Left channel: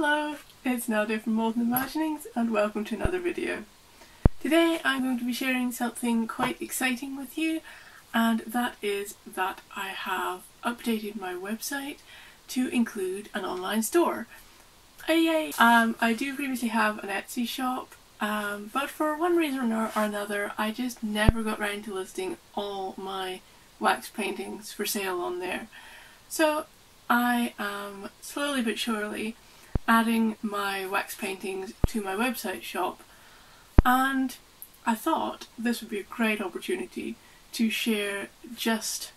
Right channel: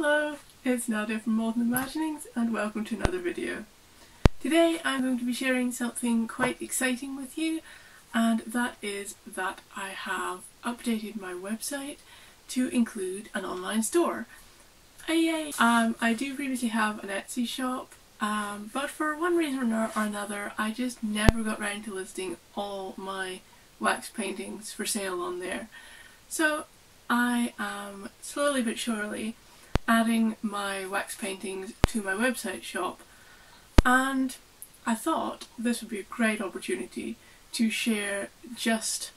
Hello, it's Nadia from Molten Musings and welcome to another video. Today I'm going to be sharing something quite exciting with you, and that is that I have updated my website to include an online store. Yay! I do previously have an Etsy shop, but for one reason or another I just never got round to listing all my wax paintings for sale on there. So I am slowly but surely adding my wax paintings to my website shop, and I thought this would be a great opportunity to share just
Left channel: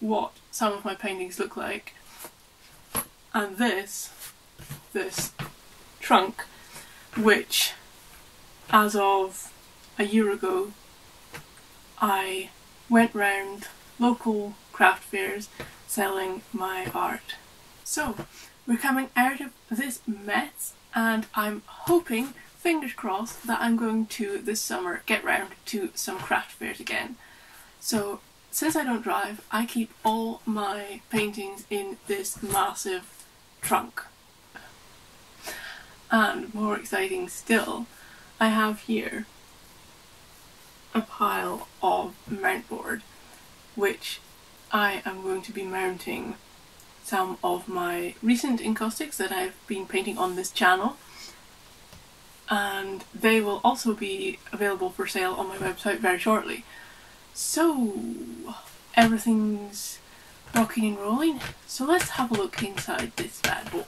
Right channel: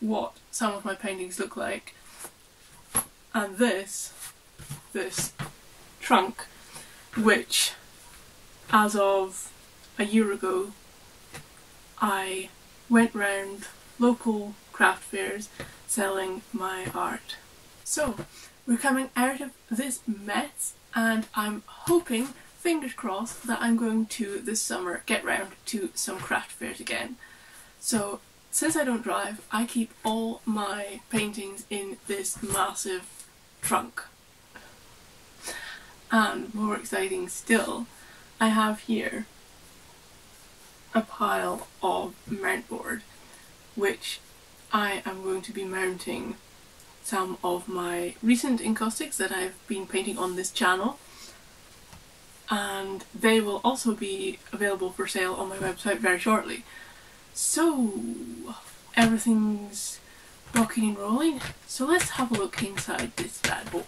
what some of my paintings look like. And this trunk, which as of a year ago I went round local craft fairs selling my art. So we're coming out of this mess, and I'm hoping, fingers crossed, that I'm going to this summer get round to some craft fairs again. So since I don't drive, I keep all my paintings in this massive trunk. And more exciting still, I have here a pile of mount board, which I am going to be mounting some of my recent encaustics that I've been painting on this channel, and they will also be available for sale on my website very shortly. So everything's rocking and rolling, so let's have a look inside this bad boy.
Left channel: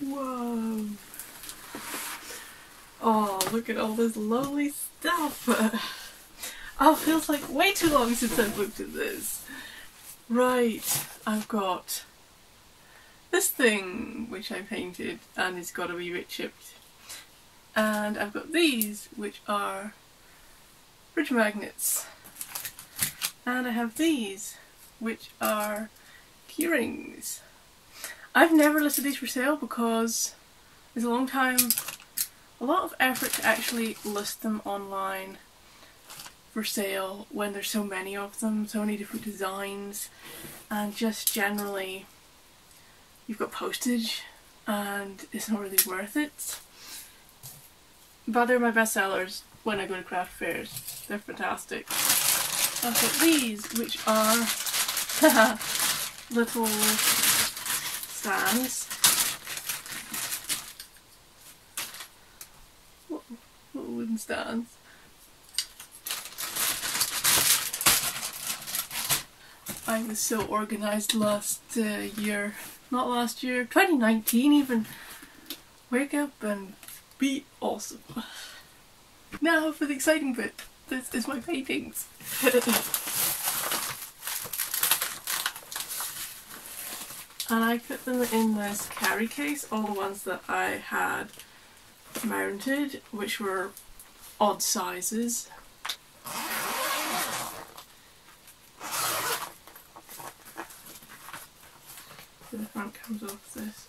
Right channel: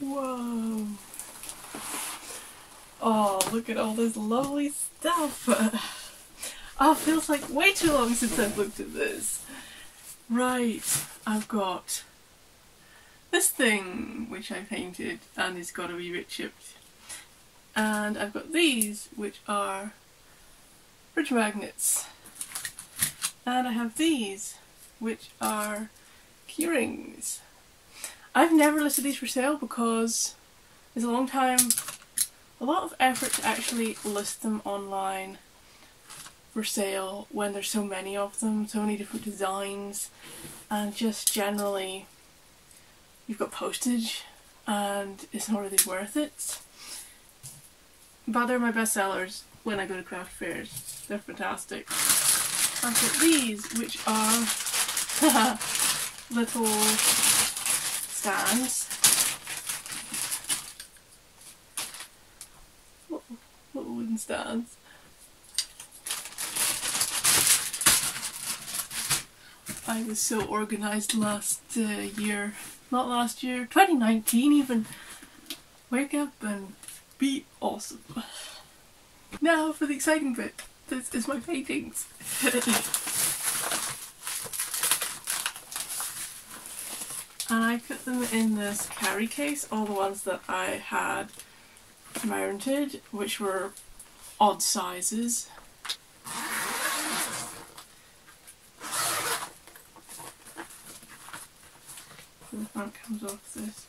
Whoa! Oh, look at all this lovely stuff! Oh, it feels like way too long since I've looked at this. Right, I've got this thing which I painted and it's got a wee bit chipped. And I've got these which are fridge magnets. And I have these which are keyrings. I've never listed these for sale because it's a lot of effort to actually list them online for sale when there's so many of them, so many different designs, and just generally you've got postage and it's not really worth it. But they're my best sellers when I go to craft fairs. They're fantastic. I've got these which are little stands. Little wooden stands. I was so organised last year. Not last year, 2019 even. Wake up and be awesome. Now for the exciting bit. This is my paintings. And I put them in this carry case, all the ones that I had mounted, which were odd sizes. So the front comes off this.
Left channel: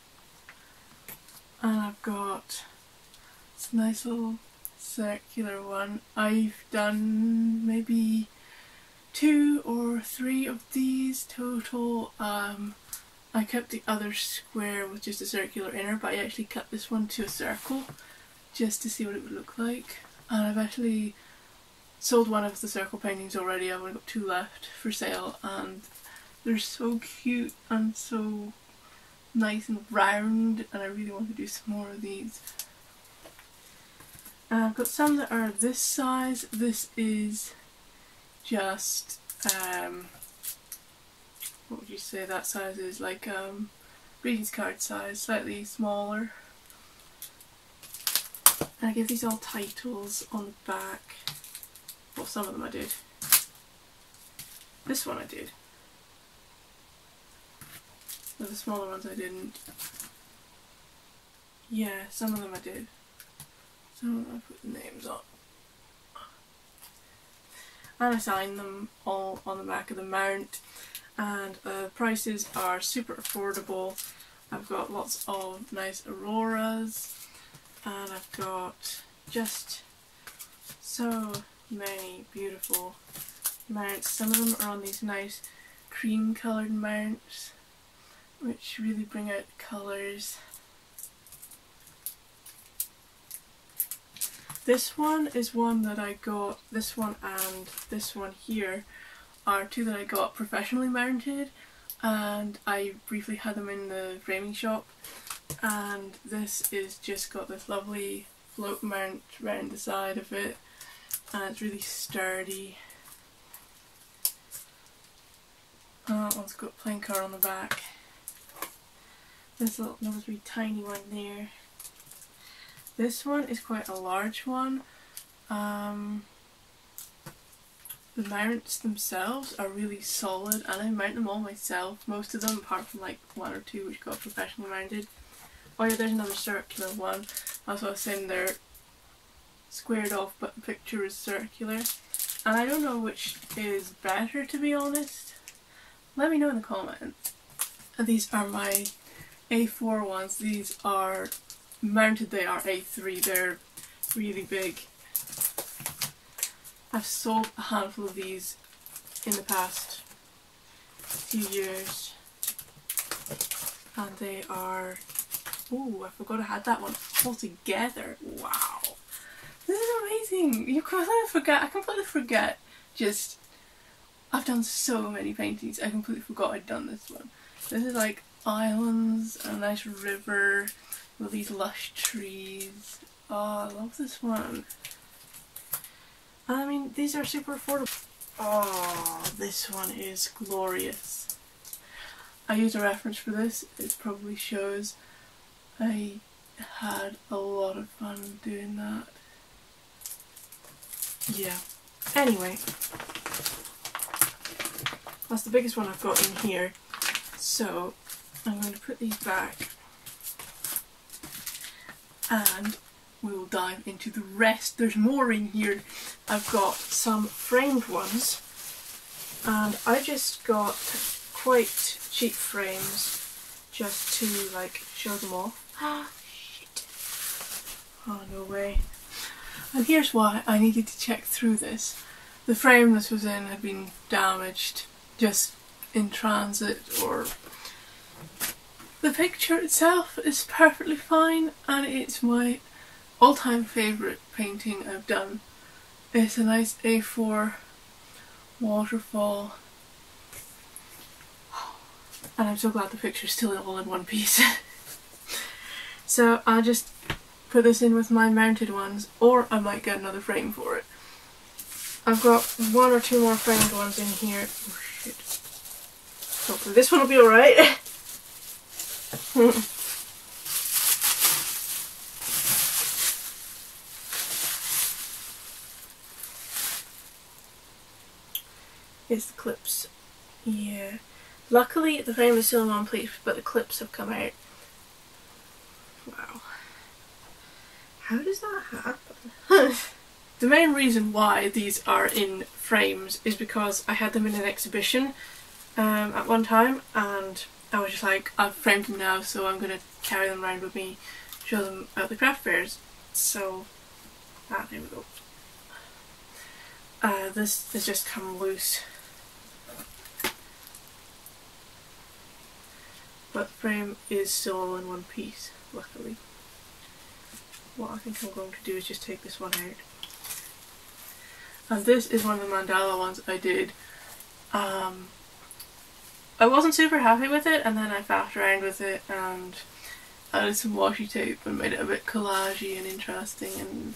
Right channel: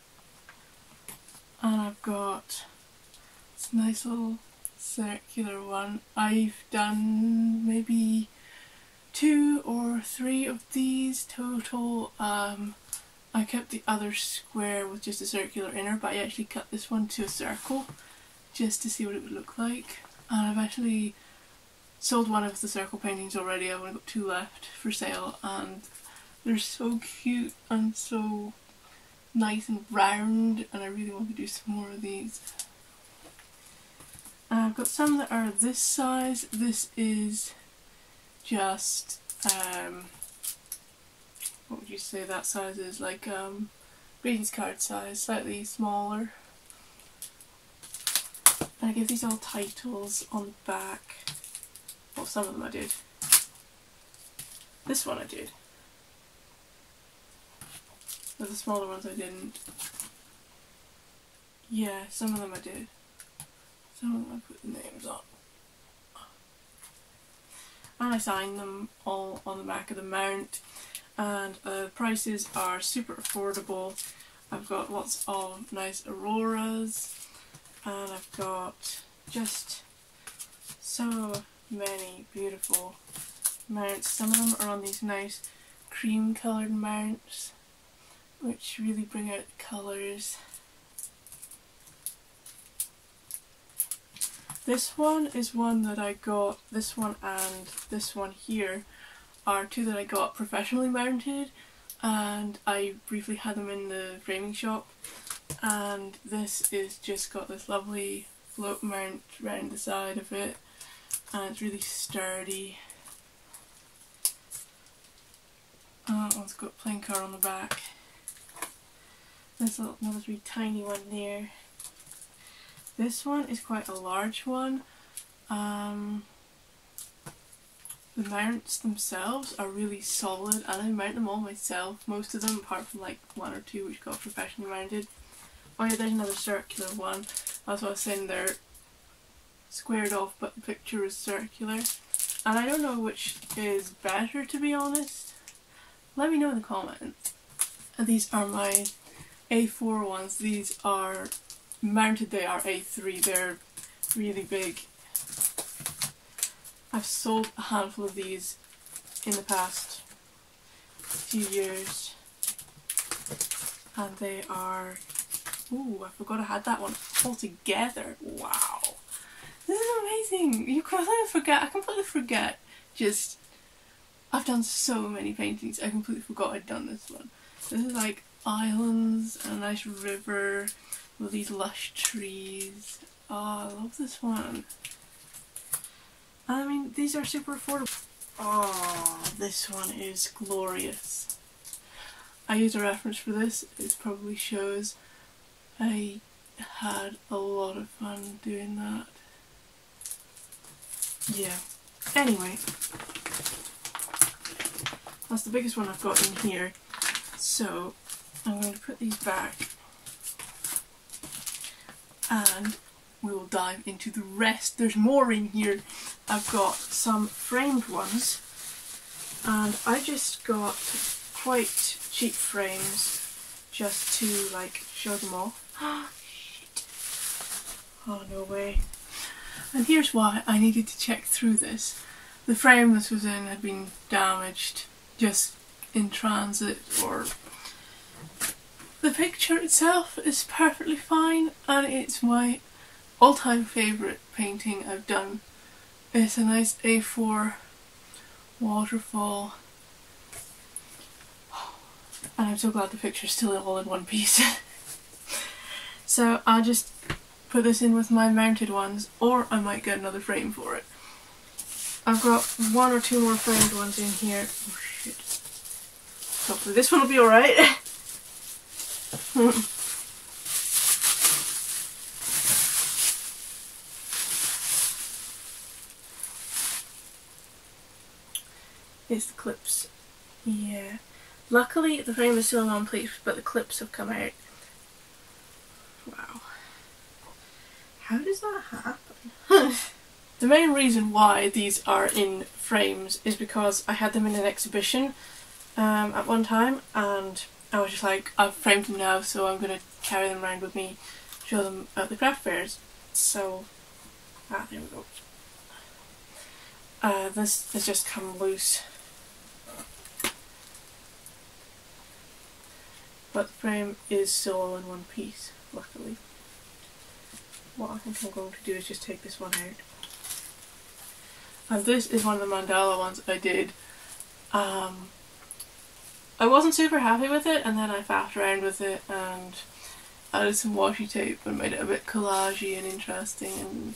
And I've got this nice little circular one. I've done maybe 2 or 3 of these total. I kept the other square with just a circular inner, but I actually cut this one to a circle just to see what it would look like. And I've actually sold one of the circle paintings already. I've only got 2 left for sale, and they're so cute and so nice and round, and I really want to do some more of these. And I've got some that are this size. This is just what would you say that size is? Like greetings card size, slightly smaller. And I give these all titles on the back. Well, some of them I did. This one I did. But the smaller ones I didn't. Yeah, some of them I did. Some of them I put the names on. And I signed them all on the back of the mount. And the prices are super affordable. I've got lots of nice auroras, and I've got just so many beautiful mounts. Some of them are on these nice cream coloured mounts which really bring out the colours. This one is one that I got, this one and this one here are two that I got professionally mounted, and I briefly had them in the framing shop, and this is just got this lovely float mount round the side of it, and it's really sturdy. That one's got plain colour on the back. There's another really tiny one there. This one is quite a large one. The mounts themselves are really solid, and I mount them all myself, most of them, apart from like one or two which got professionally mounted. Oh yeah, there's another circular one. That's what I was saying, they're squared off but the picture is circular. And I don't know which is better, to be honest. Let me know in the comments. And these are my A4 ones. These are mounted, they are A3, they're really big. I've sold a handful of these in the past few years, and they are, ooh, I forgot I had that one all together. Wow, this is amazing. I completely forget, just, I've done so many paintings, I completely forgot I'd done this one. This is like islands and a nice river with these lush trees. Oh, I love this one. I mean, these are super affordable. Oh, this one is glorious. I used a reference for this. It probably shows I had a lot of fun doing that. Yeah. Anyway, that's the biggest one I've got in here. So I'm going to put these back and we will dive into the rest. There's more in here. I've got some framed ones, and I just got quite cheap frames just to like show them off. Ah, shit. Oh, no way. And here's why I needed to check through this. The frame this was in had been damaged just in transit, or the picture itself is perfectly fine, and it's my all-time favourite painting I've done. It's a nice A4 waterfall, and I'm so glad the picture's still all in one piece. So I'll just put this in with my mounted ones, or I might get another frame for it. I've got one or two more framed ones in here. Oh shit. Hopefully this one will be alright. Is the clips. Yeah. Luckily the frame is still in one place, but the clips have come out. Wow. How does that happen? The main reason why these are in frames is because I had them in an exhibition at one time, and I was just like, I've framed them now, so I'm going to carry them around with me, show them at the craft fairs. So, there we go. This has just come loose. But the frame is still all in one piece, luckily. What I think I'm going to do is just take this one out. And this is one of the mandala ones I did. I wasn't super happy with it, and then I faffed around with it and added some washi tape and made it a bit collagey and interesting, and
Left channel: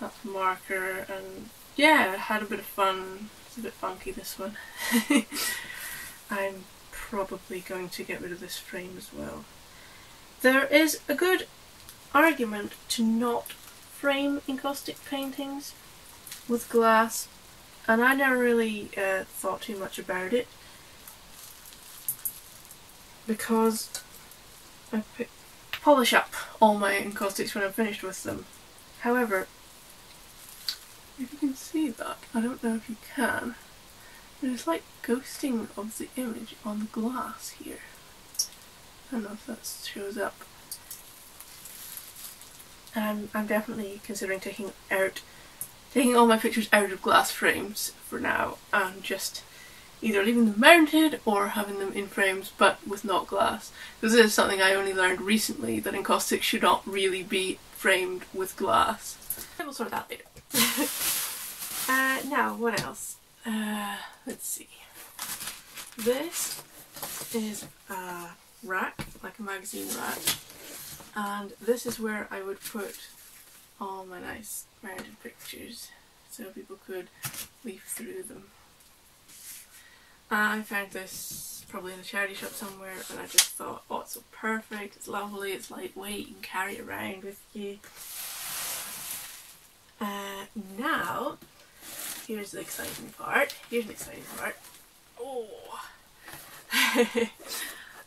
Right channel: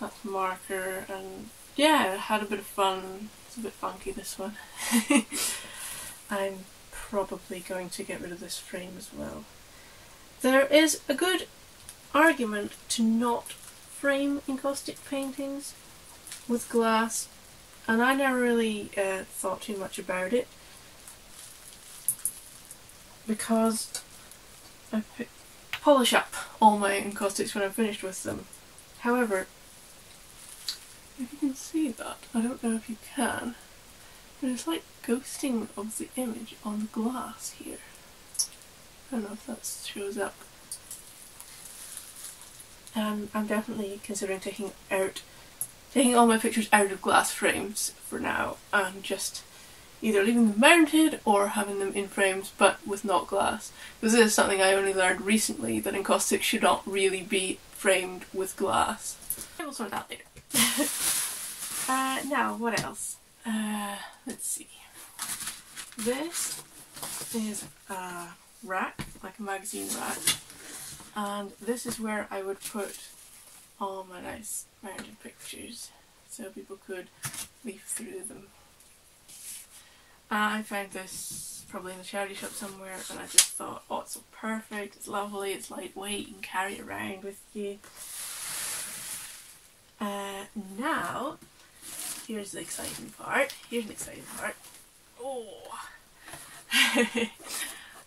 that's marker, and yeah, I had a bit of fun. It's a bit funky, this one. I'm probably going to get rid of this frame as well. There is a good argument to not frame encaustic paintings with glass, and I never really thought too much about it, because I polish up all my encaustics when I'm finished with them. However, if you can see that, I don't know if you can, but it's like ghosting of the image on the glass here. I don't know if that shows up. I'm definitely considering taking all my pictures out of glass frames for now and just either leaving them mounted or having them in frames but with not glass. Because this is something I only learned recently, that encaustic should not really be framed with glass. We'll sort that later. Now, what else? Let's see. This is a rack, like a magazine rack, and this is where I would put all my nice mounted pictures so people could leaf through them. I found this probably in a charity shop somewhere and I just thought, oh, it's so perfect, it's lovely, it's lightweight, you can carry it around with you. Now, here's the exciting part. Oh!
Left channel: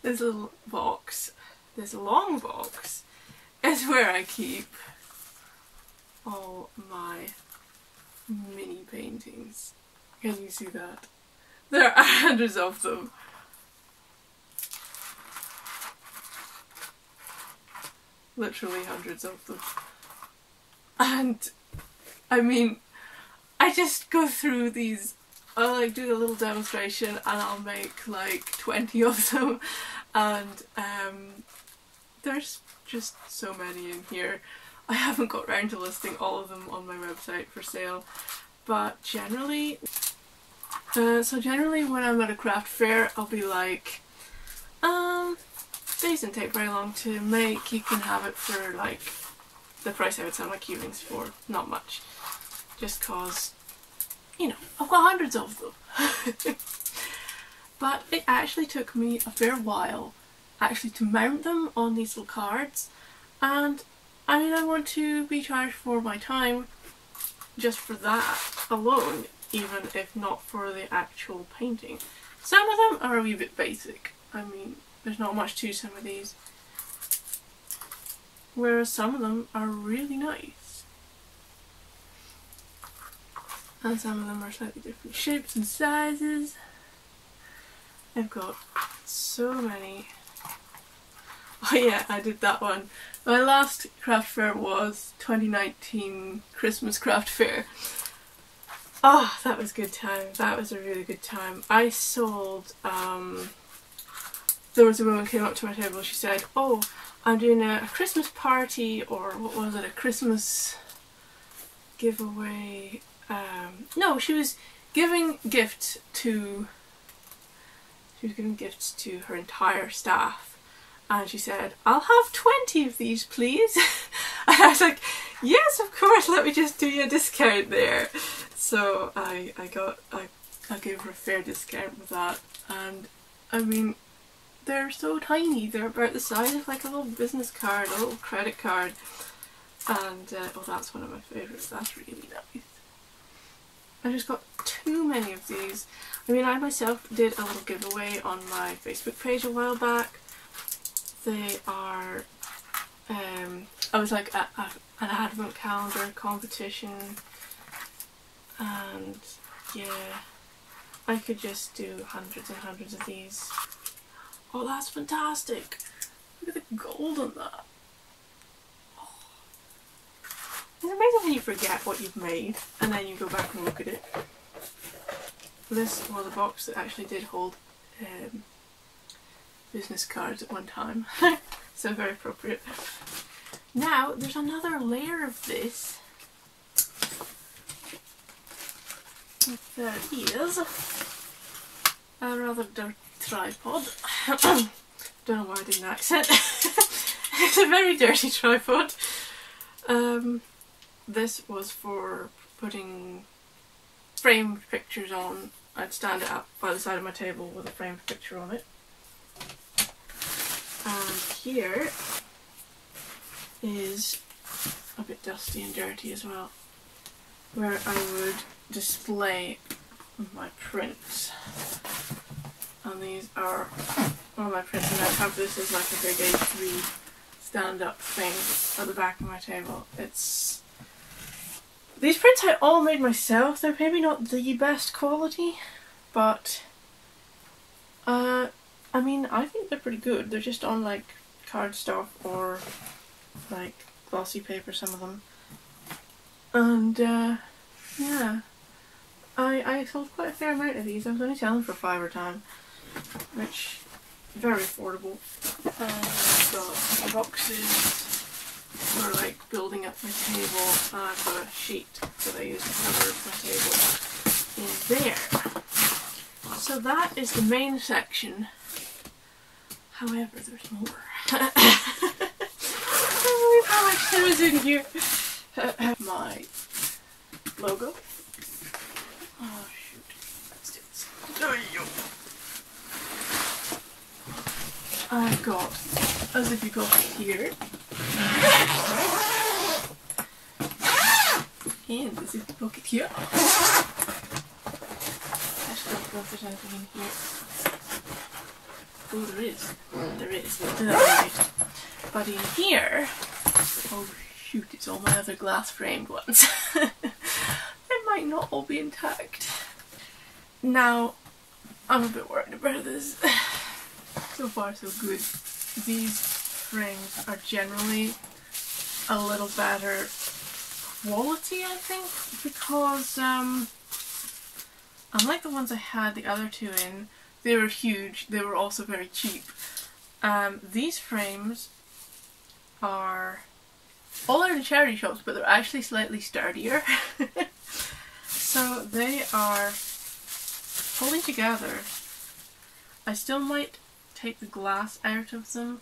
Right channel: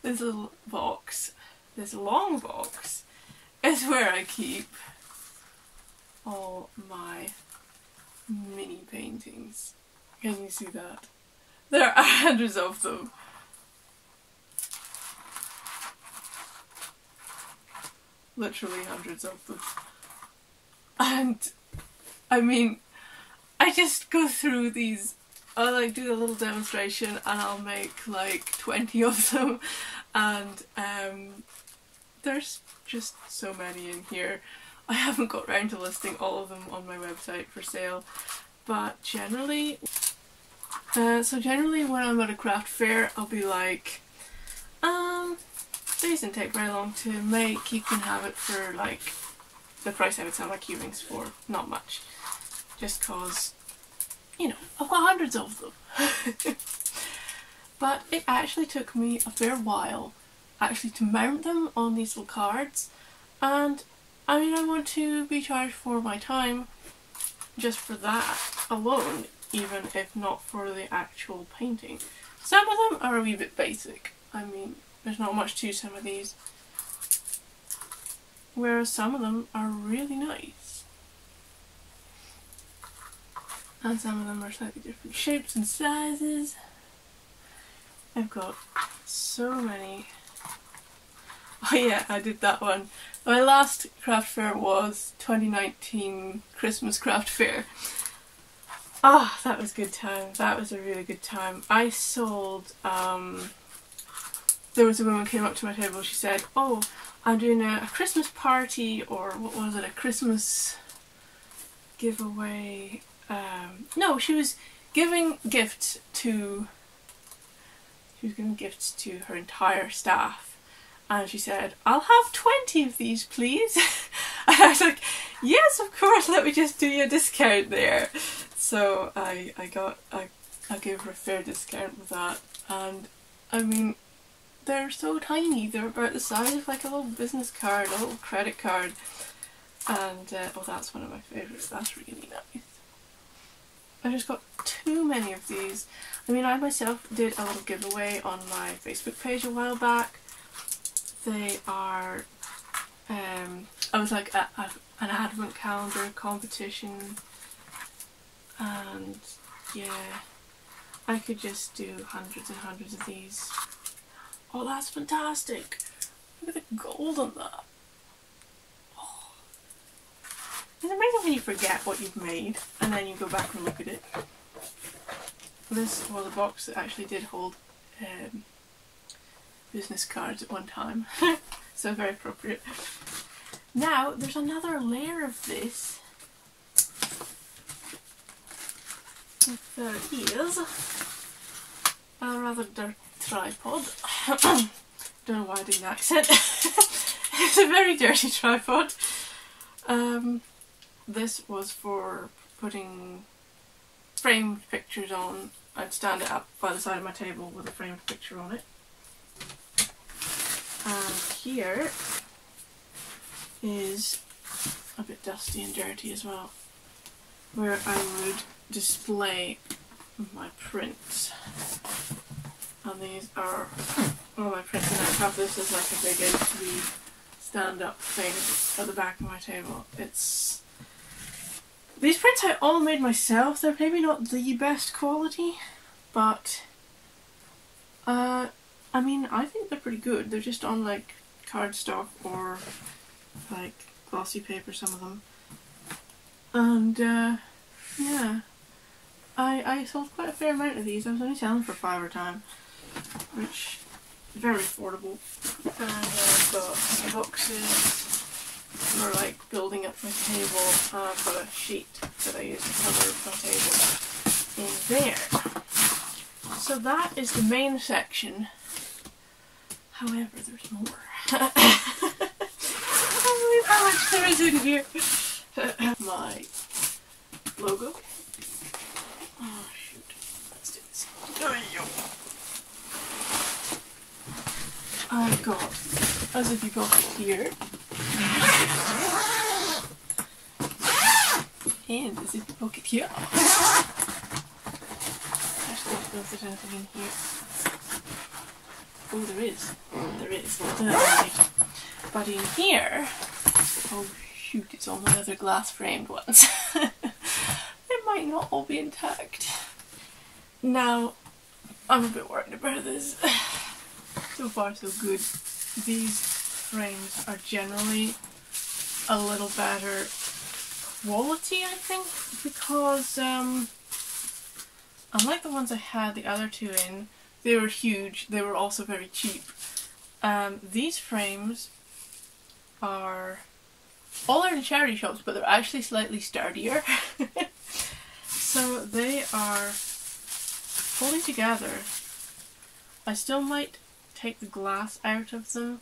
This little box, this long box, is where I keep all my mini paintings. Can you see that? There are hundreds of them. Literally hundreds of them. And I mean, I just go through these, I'll like do a little demonstration and I'll make like 20 of them, and there's just so many in here. I haven't got round to listing all of them on my website for sale, but generally, generally when I'm at a craft fair I'll be like, these didn't take very long to make, you can have it for like the price I would sell my cubings for, not much. Just cause, you know, I've got hundreds of them. But it actually took me a fair while actually to mount them on these little cards, and I mean, I want to be charged for my time just for that alone, even if not for the actual painting. Some of them are a wee bit basic. I mean, there's not much to some of these, whereas some of them are really nice. And some of them are slightly different shapes and sizes. I've got so many. Oh yeah, I did that one. My last craft fair was 2019 Christmas craft fair. Ah, that was a good time. That was a really good time. I sold, there was a woman came up to my table, she said, oh, I'm doing a Christmas party, or what was it, a Christmas giveaway. No, she was giving gifts to her entire staff, and she said, I'll have 20 of these please. And I was like, yes, of course, let me just do you a discount there. So I gave her a fair discount with that, and I mean, they're so tiny, they're about the size of like a little business card, a little credit card, and oh, that's one of my favourites, that's really nice. I just got too many of these. I mean, I myself did a little giveaway on my Facebook page a while back. They are, I was like an advent calendar competition, and yeah, I could just do hundreds and hundreds of these. Oh, that's fantastic! Look at the gold on that. Oh. It's amazing when you forget what you've made and then you go back and look at it. This was a box that actually did hold business cards at one time, so very appropriate. Now there's another layer of this. There is a rather dirty tripod. Don't know why I did an accent. It's a very dirty tripod. This was for putting framed pictures on. I'd stand it up by the side of my table with a framed picture on it. And here is a bit dusty and dirty as well, where I would display my prints. And these are all my prints, and I have this as like a big A3 stand-up thing at the back of my table. These prints I all made myself. They're maybe not the best quality, but I mean, I think they're pretty good. They're just on like cardstock or like glossy paper, some of them. And yeah, I sold quite a fair amount of these. I was only selling for £5 a time, which is very affordable. And I've got boxes for like building up my table, and I've got a sheet that I use to cover my table in there. So that is the main section. However, there's more. I can't believe how much there is in here. My logo. Oh shoot, let's do this. There you go. I've got a zippy pocket here. And a zippy pocket here. I just don't know if there's anything in here. Oh, there is. There is. We'll do that later. But in here, oh shoot, it's all my other glass framed ones. They might not all be intact. Now, I'm a bit worried about this. So far so good. These frames are generally a little better quality, I think, because unlike the ones I had the other two in, they were huge, they were also very cheap. These frames are all out in charity shops, but they're actually slightly sturdier. So they are holding together. I still might take the glass out of them.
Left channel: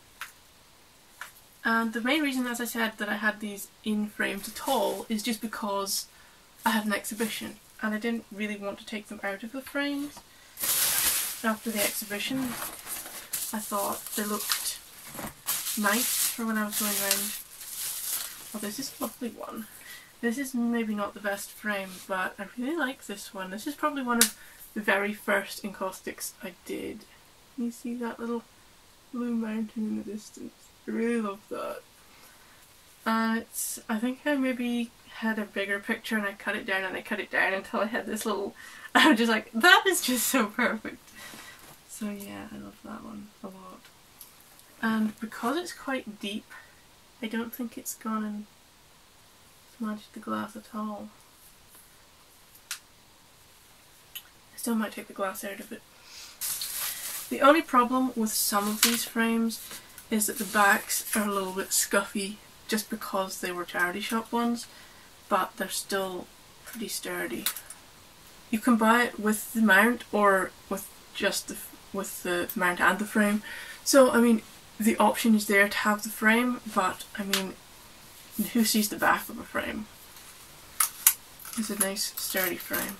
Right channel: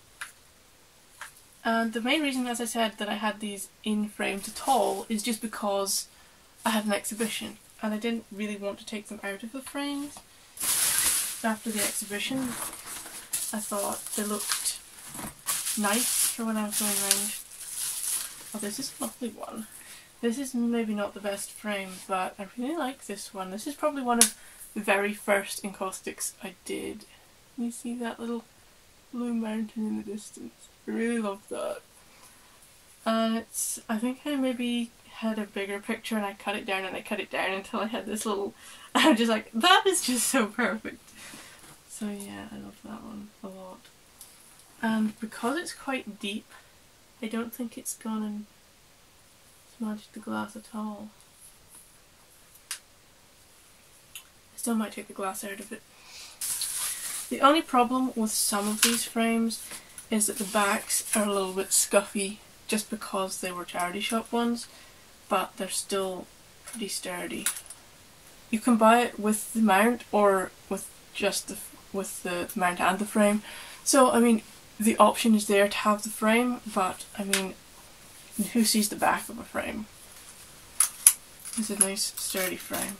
And the main reason, as I said, that I had these in frames at all is just because I had an exhibition and I didn't really want to take them out of the frames. After the exhibition, I thought they looked nice for when I was going around. Oh, this is a lovely one. This is maybe not the best frame, but I really like this one. This is probably one of the very first Encaustics I did. You see that little blue mountain in the distance? I really love that. And I think I maybe had a bigger picture and I cut it down and I cut it down until I had this little, I'm just like, that is just so perfect. So yeah, I love that one a lot. And because it's quite deep, I don't think it's gone and smudged the glass at all. I still might take the glass out of it. The only problem with some of these frames is that the backs are a little bit scuffy just because they were charity shop ones, but they're still pretty sturdy. You can buy it with the mount or with just the mount and the frame. So I mean, the option is there to have the frame, but I mean, who sees the back of a frame? It's a nice sturdy frame.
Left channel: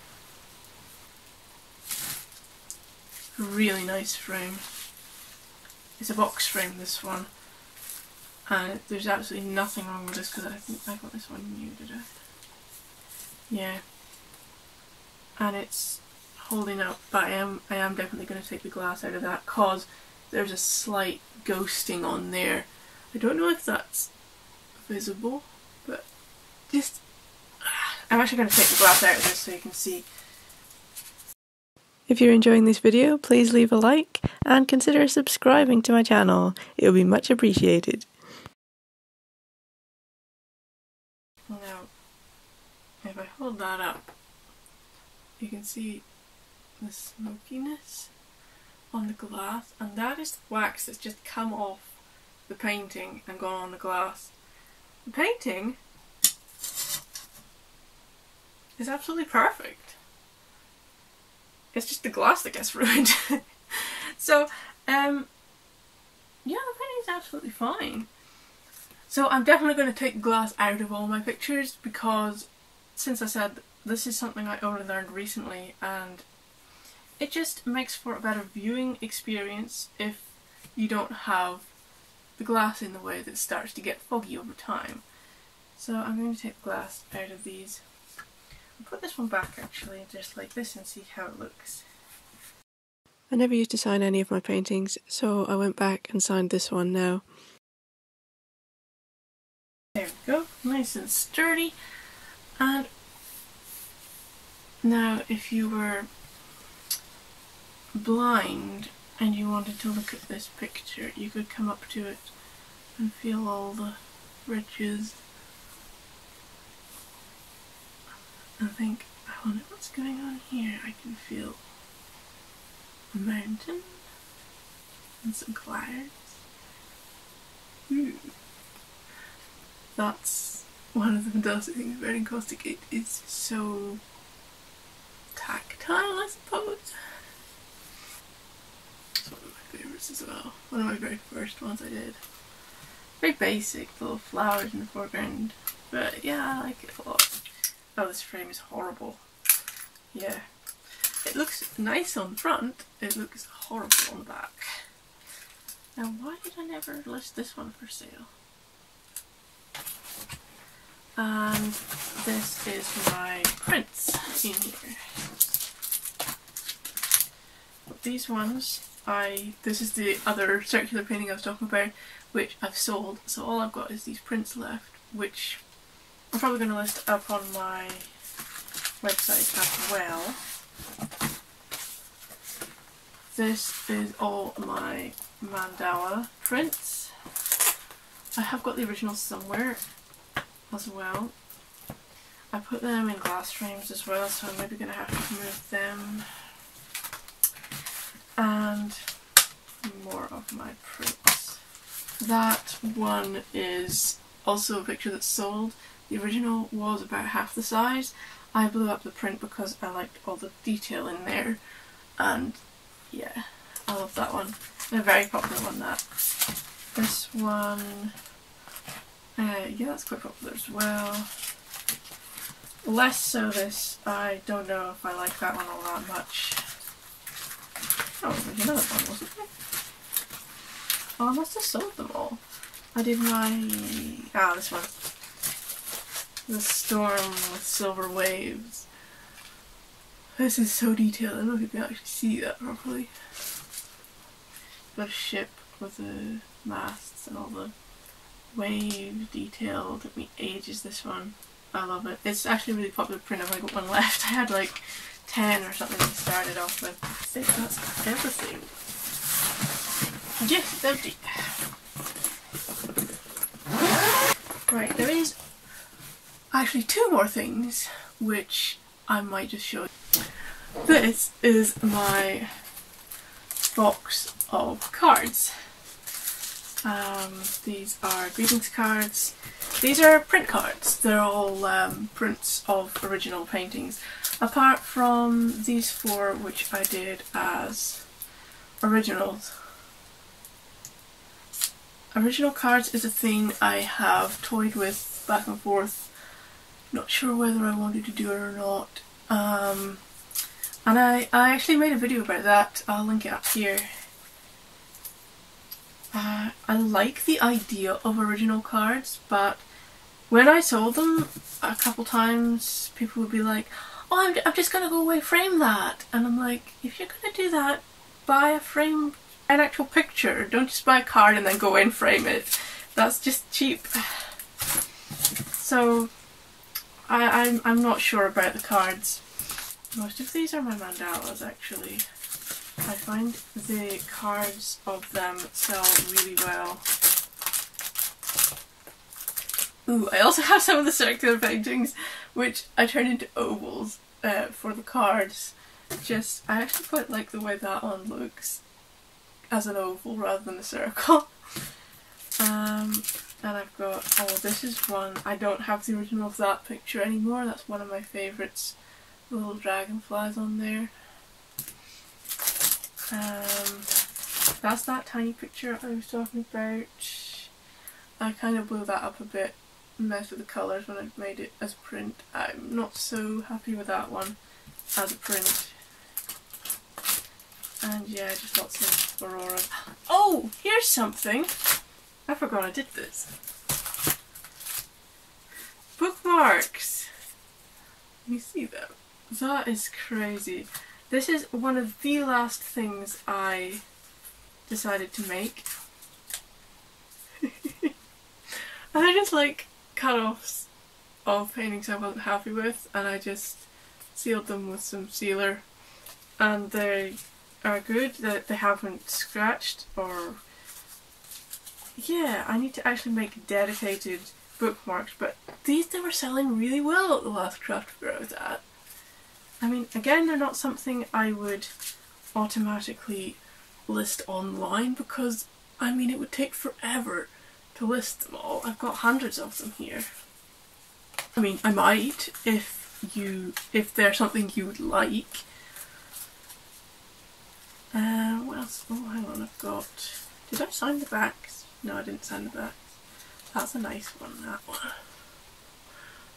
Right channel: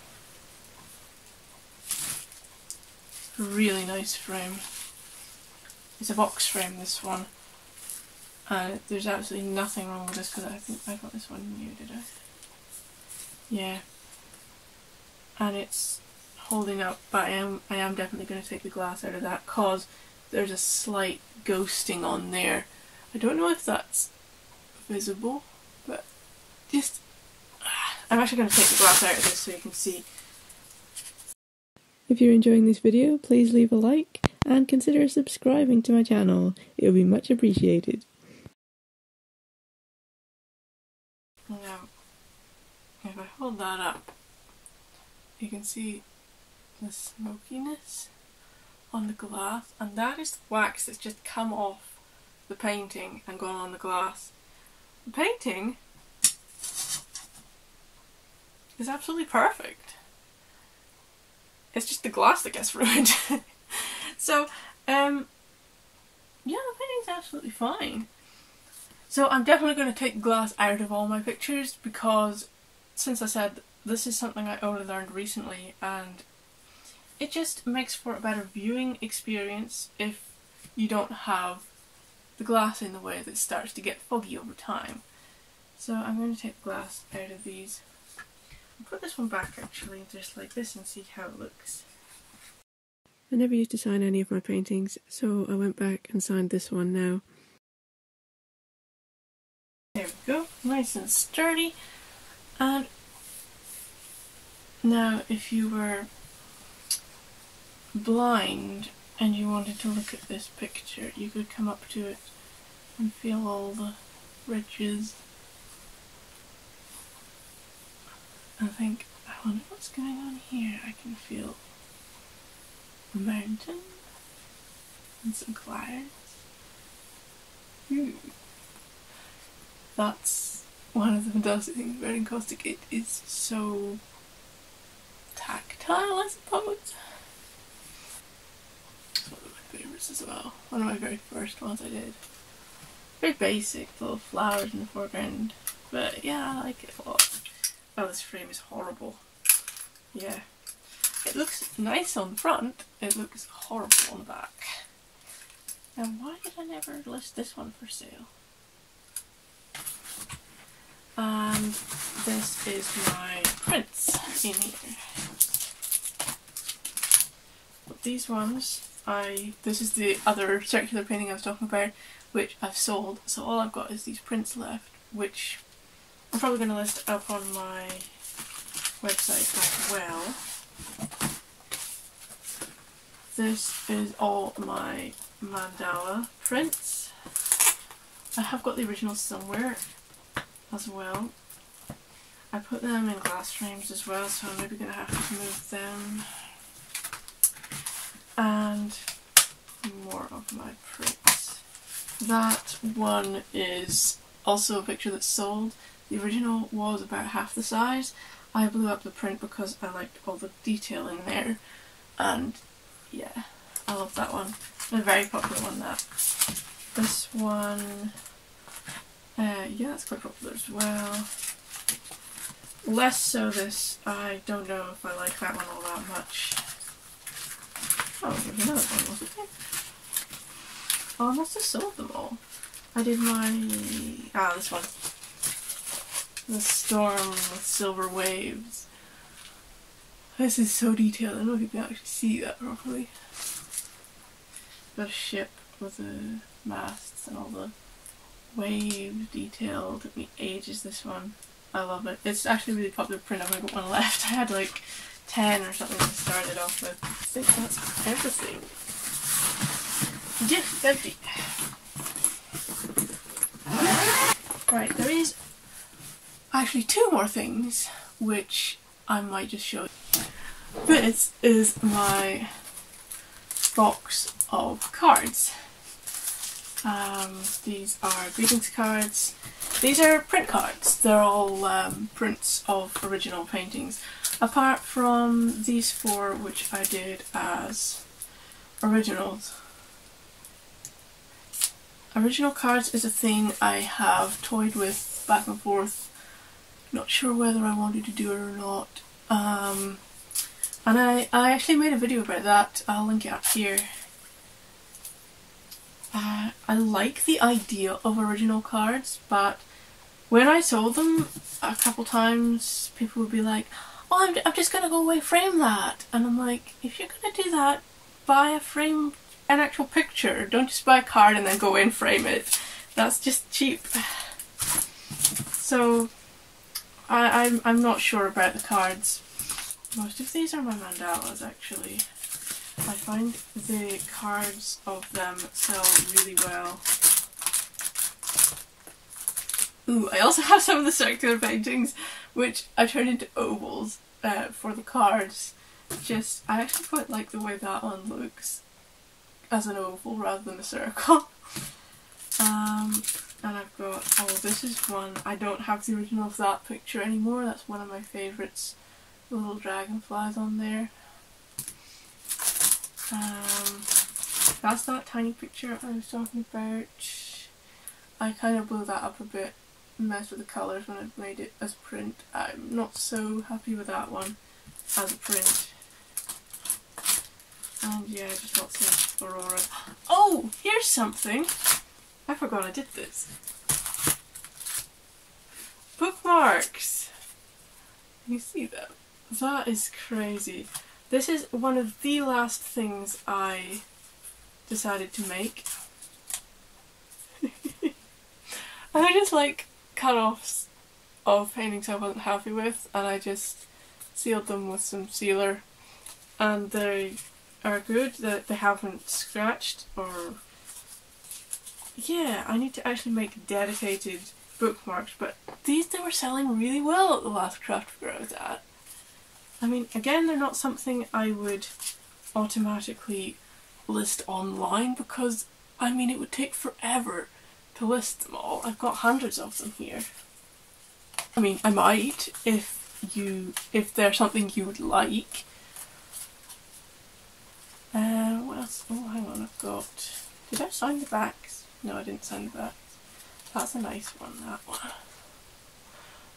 A really nice frame. It's a box frame, this one, and there's absolutely nothing wrong with this because I think I got this one new, did I? Yeah. And it's holding up, but I am definitely going to take the glass out of that because there's a slight ghosting on there. I don't know if that's visible, but just I'm actually going to take the glass out of this so you can see. If you're enjoying this video, please leave a like and consider subscribing to my channel. It will be much appreciated. Now, if I hold that up, you can see the smokiness on the glass, and that is the wax that's just come off the painting and gone on the glass. The painting is absolutely perfect. It's just the glass that gets ruined. So, yeah, the painting's absolutely fine. So I'm definitely going to take glass out of all my pictures because, since I said this is something I only learned recently, and it just makes for a better viewing experience if you don't have the glass in the way that starts to get foggy over time. So I'm going to take the glass out of these. I'll put this one back actually, just like this, and see how it looks. I never used to sign any of my paintings, so I went back and signed this one now. There we go, nice and sturdy. And now if you were blind and you wanted to look at this picture, you could come up to it and feel all the bridges. I think, I wonder what's going on here. I can feel a mountain and some clouds. That's one of the fantastic things about Encaustic. It is so tactile, I suppose. It's one of my favourites as well. One of my very first ones I did. Very basic, little flowers in the foreground. But yeah, I like it a lot. Oh, this frame is horrible. Yeah. It looks nice on the front, it looks horrible on the back. Now why did I never list this one for sale? And this is my prints in here. But these ones, this is the other circular painting I was talking about, which I've sold, so all I've got is these prints left, which I'm probably going to list up on my website as well. This is all my mandala prints. I have got the originals somewhere as well. I put them in glass frames as well, so I'm maybe going to have to move them. And more of my prints. That one is also a picture that's sold. The original was about half the size. I blew up the print because I liked all the detail in there, and yeah, I love that one. A very popular one, that. This one, yeah, that's quite popular as well. Less so this, I don't know if I like that one all that much. Oh, there's another one, wasn't there? Oh, I must have sold them all. I did my, this one. The storm with silver waves. This is so detailed, I don't know if you can actually see that properly. Got a ship with the masts and all the waves detail. It took me ages, this one. I love it. It's actually a really popular print. I've only got one left. I had like 10 or something to start it off with. I think that's everything. Yes, it's empty. Right, there is actually 2 more things which I might just show you. This is my box of cards. These are greetings cards. These are print cards. They're all prints of original paintings. Apart from these 4 which I did as originals. Original cards is a thing I have toyed with back and forth. Not sure whether I wanted to do it or not. And I actually made a video about that. I'll link it up here. I like the idea of original cards, but when I sold them a couple times, people would be like, oh, I'm just going to go away frame that. And I'm like, if you're going to do that, buy a frame, an actual picture. Don't just buy a card and then go in frame it. That's just cheap. So I'm not sure about the cards. Most of these are my mandalas, actually. I find the cards of them sell really well. Ooh, I also have some of the circular paintings which I turned into ovals for the cards. I actually quite like the way that one looks as an oval rather than a circle. And I've got, this is one, I don't have the original of that picture anymore, that's one of my favourites. Little dragonflies on there. That's that tiny picture I was talking about. I kind of blew that up a bit, messed with the colours when I made it as print. I'm not so happy with that one as a print. And yeah, just lots of aurora. Oh, here's something! I forgot I did this. Bookmarks! Can you see them? That is crazy. This is one of the last things I decided to make. And they're just like cut-offs of paintings I wasn't happy with, and I just sealed them with some sealer. And they are good, that they haven't scratched or... Yeah, I need to actually make dedicated bookmarks, but these, they were selling really well at the last craft fair I was at. I mean, again, they're not something I would automatically list online because, I mean, it would take forever to list them all. I've got hundreds of them here. I mean, I might if there's something you would like. What else? Oh, hang on, I've got... Did I sign the backs? No, I didn't sign the backs. That's a nice one, that one.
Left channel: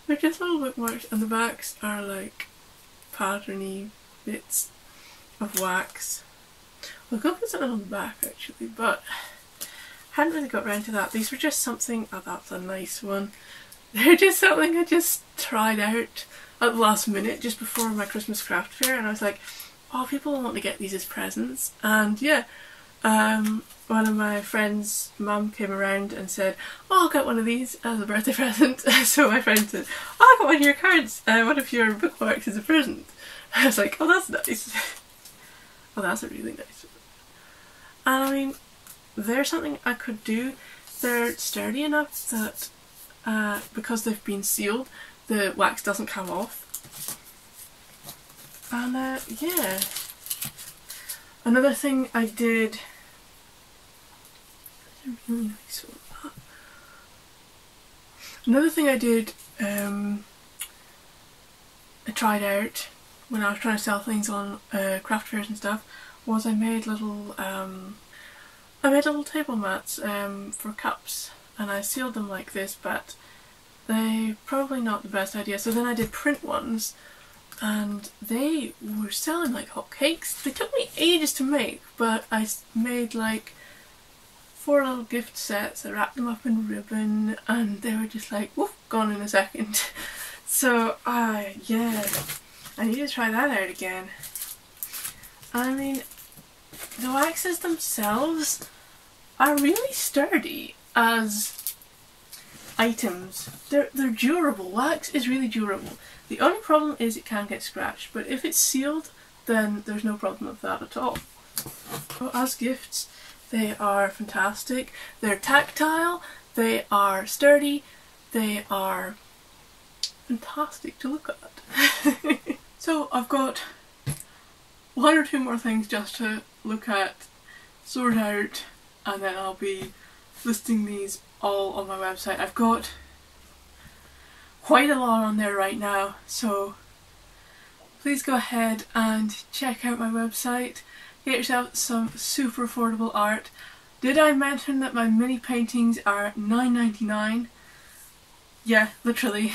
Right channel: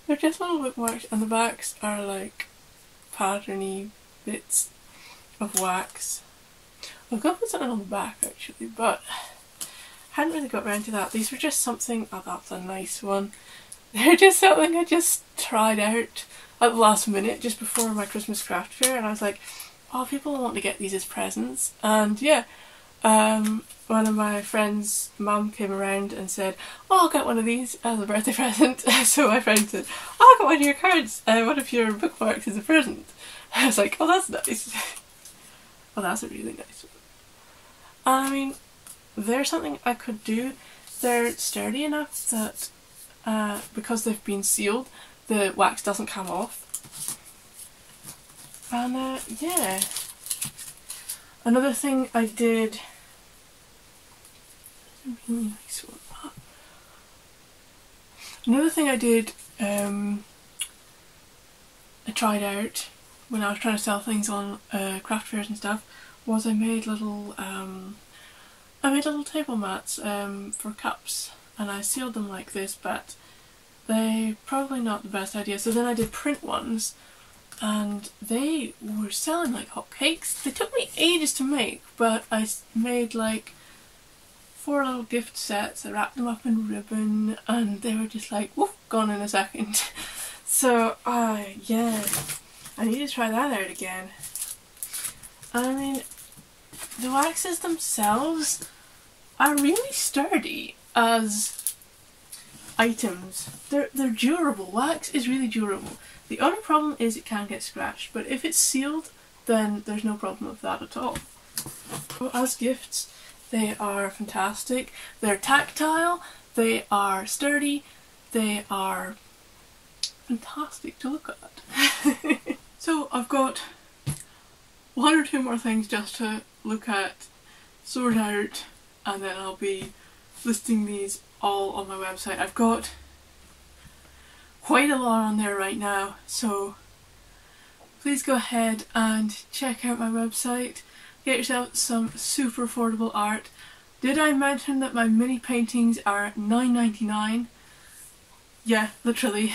They're just little bookmarks, and the backs are like patterny bits of wax. I'll go put something on the back actually, but hadn't really got around to that. These were just something... Oh, that's a nice one. They're just something I just tried out at the last minute, just before my Christmas craft fair, and I was like, oh, people want to get these as presents. And yeah, one of my friend's mum came around and said, oh, I'll get one of these as a birthday present. So my friend said, oh, I got one of your cards, one of your bookmarks as a present. I was like, oh, that's nice. Oh, that's a really nice one. I mean, they're something I could do. They're sturdy enough that because they've been sealed, the wax doesn't come off. And yeah. Another thing I did... Really nice one. Another thing I did, I tried out when I was trying to sell things on craft fairs and stuff, was I made little table mats for cups, and I sealed them like this, but they're probably not the best idea. So then I did print ones, and they were selling like hotcakes. They took me ages to make, but I made like 4 little gift sets. I wrapped them up in ribbon, and they were just like, woof, gone in a second. So yeah, I need to try that out again. I mean, the waxes themselves are really sturdy as items. They're durable. Wax is really durable. The only problem is it can get scratched, but if it's sealed, then there's no problem with that at all. But as gifts, they are fantastic. They're tactile, they are sturdy, they are fantastic to look at. So I've got 1 or 2 more things just to look at, sort out, and then I'll be listing these all on my website. I've got quite a lot on there right now, so please go ahead and check out my website. Get yourself some super affordable art. Did I mention that my mini paintings are $9.99? Yeah, literally.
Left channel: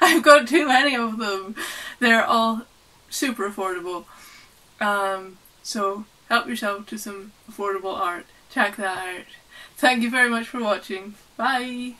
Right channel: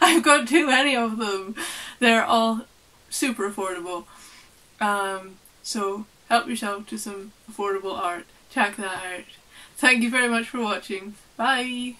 I've got too many of them. They're all super affordable. So help yourself to some affordable art. Check that out. Thank you very much for watching. Bye!